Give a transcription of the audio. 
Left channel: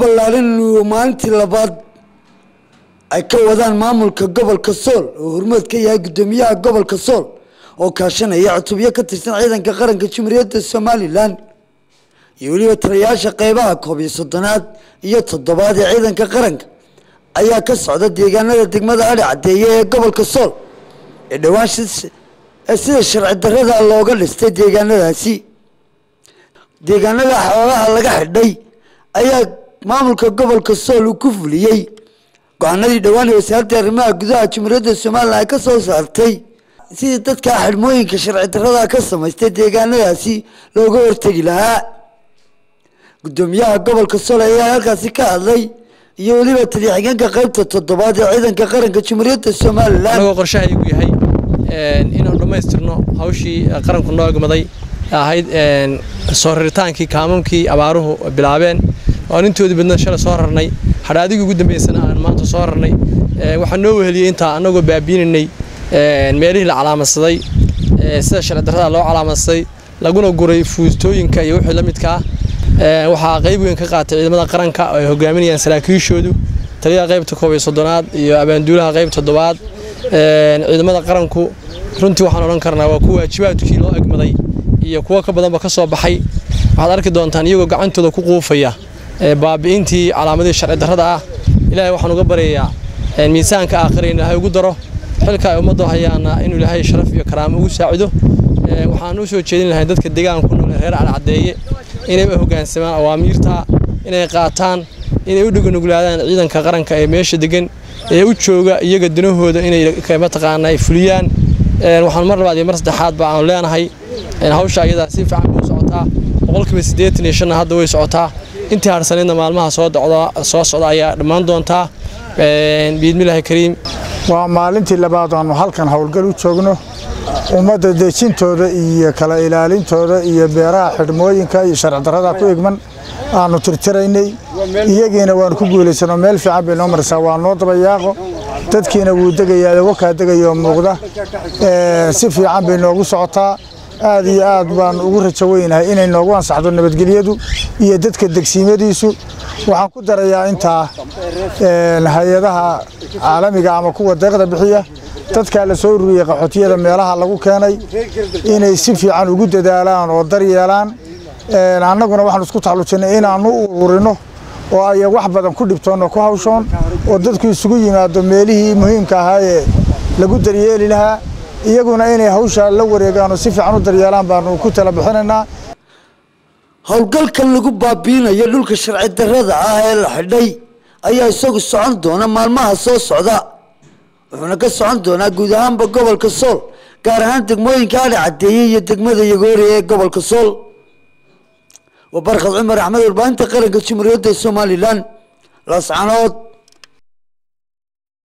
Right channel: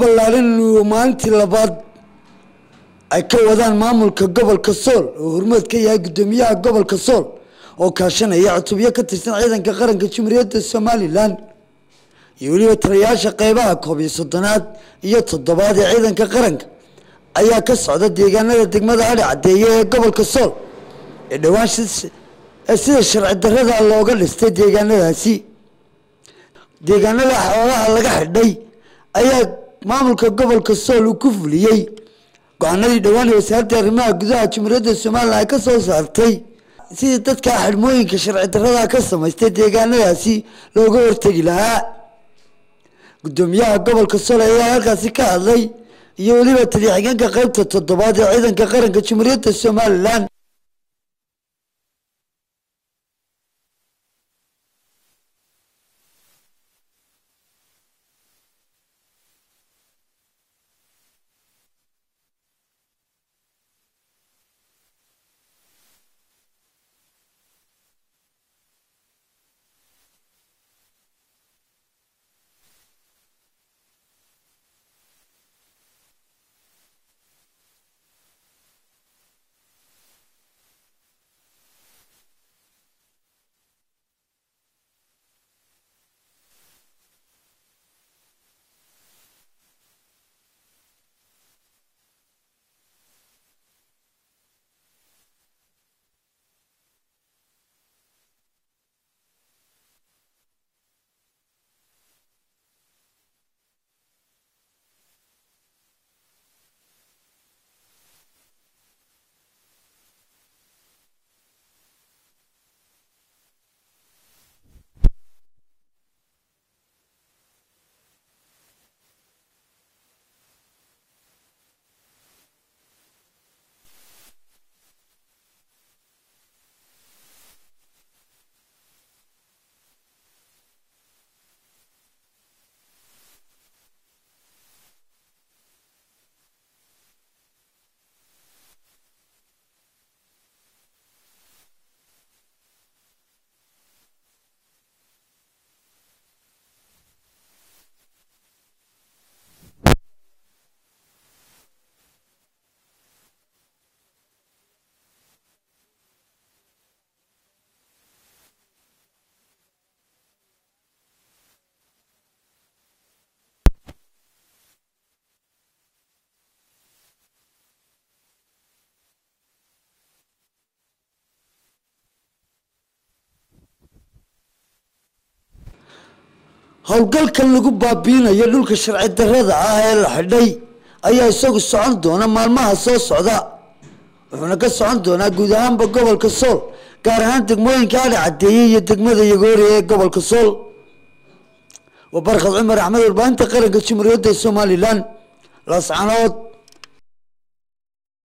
ballaaran oo maalintii labaad ay ka wadaan maamulka gobolka Sool oo hormuud ka yahay gudoomiyaha gobolka Sool oo kaashanaya cutubyo ka tirsan ciidanka qaranka Jamhuuriyadda Somaliland iyo waliba taliyayaasha qaybaha 13aad iyo 7aad ee ciidanka qaranka ayaa ka socda deegaanada degmada Adhi Cadeeye ee gobolka Sool ee dhawaan sida sharci darrada looga dhistay deegaanadaasi deegaanada xoolaha laga xidhay ayaa maamulka gobolka Sool ku fuliyay go'aanadii dhawaan wasaaradda arrimaha gudaha Jamhuuriyadda Somaliland ka soo saartay sidii dadka xidhmooyinka sharci darrada ka samaystay deegaanadaasi looga hortagi lahaa gudoomiyaha gobolka Sool ayaa halkaasi ka hadlay iyo waliba taliyaha qaybta 7aad ee ciidanka qaranka Jamhuuriyadda Somaliland qorshahaygu yahay inuu dhameystirno hawshii qaranku noo gamaday ahayd soo rirtaankii kaamamkii abaaruhu bilaabeen oo intoodii badna shalay soo rarnay xaraadiga ugu dambeysana aan maanta soo rarnay waxaan noo weheliyay inta anagoo baabiinay meelihii la calaamadsaday sida sharci darrada loo calaamadsaday laguna guray fuustooyinka iyo wixii la midka ah waxa qayb weyn ka qaatay ciidamada qaranka oo ay hogaaminayaan saraakiishoodu taliyaha qaybta 13aad iyo abaanduulaha qaybta 7aad ciidamada qaranku runtii waxaan oran karnaa waa kuwa waajibaadkii loo agmaday iyo kuwa ka badanba ka soo baxay waxaad arki doontaan iyagoo gacantooda ku quufaya baabiintii calaamadii sharci darrada ah ilaahay waxaan uga baryayaa miisaanka aakhireen ilaahay ugu daro xilka ay ummadda hayaana inuu ilaahay sharaf iyo karaamo ugu saacido waxaan u soo jeedin lahayn dadka deegaanka ku nool reer Adhi Cadeeye inay hoggaansamaan awaamiirta inay qaataan inay u dhugunuglaadaan ciidanka qaranka ee meesha degan ee u jooga iyaga danahooda inay ka mataqaanay fuliyaan waxaan mar labaad iyo mar saddexaad baan leenahay hawsha ayada si fiican u socotaa 85 hadda way socotaa intii harsanayna maalmaha soo socda ayaa dhamaan doontaa biidmilaahi kariim waa maalintii labaad oo halkan hawlgal u joogno ummadda deejintooda iyo kala ilaalintooda iyo beeraha xidhmooyinka iyo sharci darrada ku egman aanu tirtiraynay iyagiina waan ku guuleysano meel fiican bay noo marsaa waa noo dabayaaqo dadkiina wuu degayaa waxa degayo muuqda si fiican bay noogu socotaa aad iyo aad baan ugu rajo weynahay inay noogu ansaxdo nabadgelyadu iyo dadka degsiimadiisu waxaan ku darayaa inta hay'adaha caalamiga ama kuwa deeqda bixiya dadka la soo ururiyay qaxootiyada meelaha lagu keenay inay si fiican ugu dadaalaan oo daryeelaan annaguna waxaan isku taxalluujinay inaanu ururino oo ay wax badan ku dhibtoon ku hawshoon oo dadku isugu yimaado meelihii muhiimka ahaa ee lagu daryeeli lahaa iyaguna inay hawsha la wareegaan oo si fiican u daryeelaan baan ku tala bixinaynaa hawlgalkan lagu baabiinayo dhulka sharci darrada ah ee la xidhay ayaa isagu socon doona maalmaha soo socda wuxuuna ka socon doonaa guud ahaanba gobolka Sool gaar ahaan degmooyinka Adhi Cadeeye iyo degmada Yagoori ee gobolka Sool وبرخد عمر أحمد البانتي قرن كشمرية الصوماليلان لاسعنود